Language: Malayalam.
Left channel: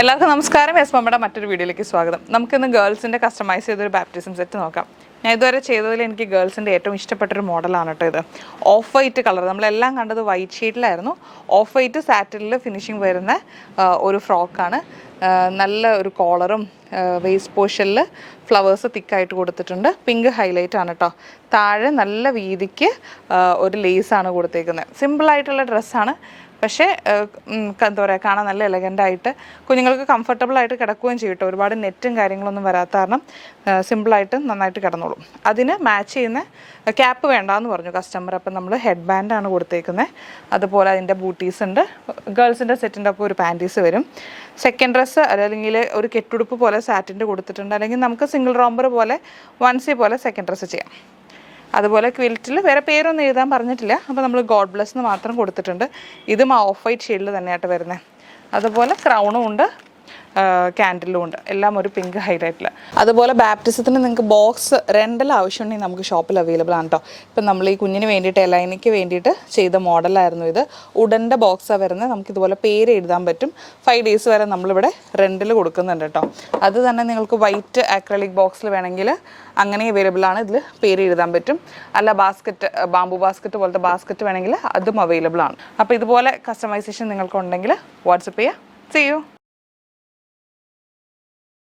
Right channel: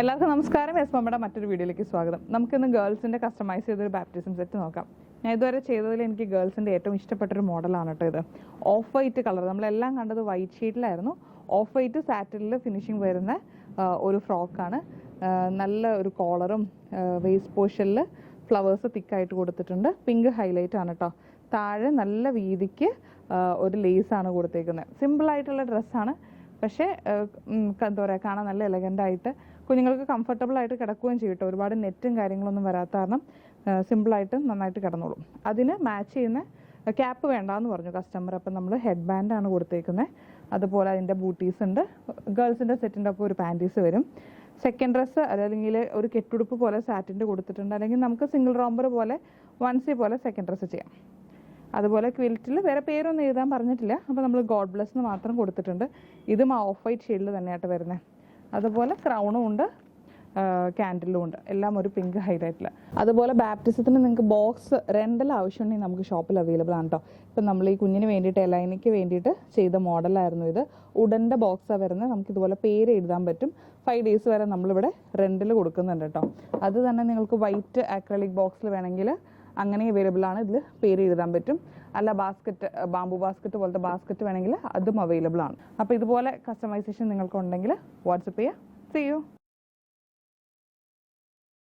എല്ലാവർക്കും നമസ്കാരം. എസ് മമ്മയുടെ മറ്റൊരു വീഡിയോയിലേക്ക് സ്വാഗതം. നമുക്കിന്ന് ഗേൾസിൻ്റെ കസ്റ്റമൈസ് ചെയ്തൊരു ബാപ്റ്റിസം സെറ്റ് നോക്കാം. ഞാൻ ഇതുവരെ ചെയ്തതിൽ എനിക്ക് ഗേൾസിൻ്റെ ഏറ്റവും ഇഷ്ടപ്പെട്ടൊരു മോഡലാണ് കേട്ടോ ഇത്. ഓഫ് വൈറ്റ് കളർ, നമ്മളെല്ലാം കണ്ടത് വൈറ്റ് ഷീറ്റിലായിരുന്നു. ഓഫ് വൈറ്റ് സാറ്റിനിൽ ഫിനിഷിങ് വരുന്ന ഒരു ഫ്രോക്കാണ്. നല്ല ഒരു കോളറും വേസ്റ്റ് പോർഷനിൽ ഫ്ലവേഴ്സ് തിക്കായിട്ട് കൊടുത്തിട്ടുണ്ട്. പിങ്ക് ഹൈലൈറ്റ് ആണ് കേട്ടോ. താഴെ നല്ല വീതിക്ക് ഒരു ലേസാണ് കൊടുത്തേക്കുന്നത്. സിമ്പിളായിട്ടുള്ള ഡ്രസ്സാണ്, പക്ഷേ എന്താ പറയുക, കാണാൻ നല്ല എലഗൻ്റായിട്ട് കുഞ്ഞുങ്ങൾക്ക് കംഫർട്ടബിളായിട്ട് കിടക്കുകയും ചെയ്യും കേട്ടോ. ഒരുപാട് നെറ്റും കാര്യങ്ങളൊന്നും വരാത്ത കാരണം സിമ്പിളായിട്ട് നന്നായിട്ട് കിടന്നോളും. അതിന് മാച്ച് ചെയ്യുന്ന ക്യാപ്പ് വേണ്ടാന്ന് പറഞ്ഞു കസ്റ്റമർ. അപ്പം നമ്മൾ ഹെഡ് ബാൻഡാണ് കൊടുത്തേക്കുന്നത്. അതുപോലെ അതിൻ്റെ ബൂട്ടീസ് ഉണ്ട്. ഗേൾസിൻ്റെ സെറ്റിൻ്റെ ഒപ്പം ഒരു പാൻറ്റീസ് വരും. സെക്കൻഡ് ഡ്രസ്സ് അല്ലെങ്കിൽ ഒരു കെട്ടുടുപ്പ് പോലെ സാറ്റിൻ്റെ കൊടുത്തിട്ടുണ്ട്. അല്ലെങ്കിൽ നമുക്ക് സിംഗിൾ റോംബർ പോലെ വൺസി പോലെ സെക്കൻഡ് ഡ്രസ്സ് ചെയ്യാം. അതുപോലെ ക്വിൽറ്റിൽ വേറെ പേരൊന്നും എഴുതാൻ പറഞ്ഞിട്ടില്ല. അപ്പോൾ നമ്മൾ ഗോഡ് ബ്ലെസ് എന്ന് മാത്രം കൊടുത്തിട്ടുണ്ട്. ഇതും ഓഫ് വൈറ്റ് ഷെയ്ഡിൽ തന്നെയായിട്ട് വരുന്നത്. അതുപോലെ ക്രൗണും ഉണ്ട്, ക്യാൻഡിലും ഉണ്ട്, എല്ലാം ഒരു പിങ്ക് ഹൈലൈറ്റിൽ. അതുപോലെ ബാപ്റ്റിസത്തിന് നിങ്ങൾക്ക് ബോക്സ് റെൻ്റൽ ആവശ്യമുണ്ടെങ്കിൽ നമുക്ക് ഷോപ്പിൽ അവൈലബിൾ ആണ് കേട്ടോ. ഇപ്പം നമ്മൾ ഈ കുഞ്ഞിന് വേണ്ടിയിട്ട് എലൈനയ്ക്ക് വേണ്ടിയിട്ട് ചെയ്ത മോഡലായിരുന്നു ഇത്. ഉടൻ്റെ ബോക്സാണ് വരുന്നത്. നമുക്കിതുപോലെ പേര് എഴുതാൻ പറ്റും. 5 days വരെ നമ്മളിവിടെ റെൻ്റിൽ കൊടുക്കുന്നുണ്ട് കേട്ടോ. അത് തന്നെ നിങ്ങൾക്ക് വൈറ്റ് ആക്രലിക് ബോക്സിൽ വേണമെങ്കിൽ അങ്ങനെ അവൈലബിൾ ആണ്. ഇതിൽ പേര് എഴുതാൻ പറ്റും. അല്ല ബാസ്ക്കറ്റ്, ബാംബു ബാസ്ക്കറ്റ് പോലത്തെ ബാസ്ക്കറ്റ് വേണമെങ്കിൽ അതും അവൈലബിൾ ആണ്. അപ്പോൾ ഇതുപോലെ കസ്റ്റമൈസേഷൻ നിങ്ങൾക്കുണ്ടെങ്കിൽ വാട്സപ്പ് ചെയ്യുക. See you.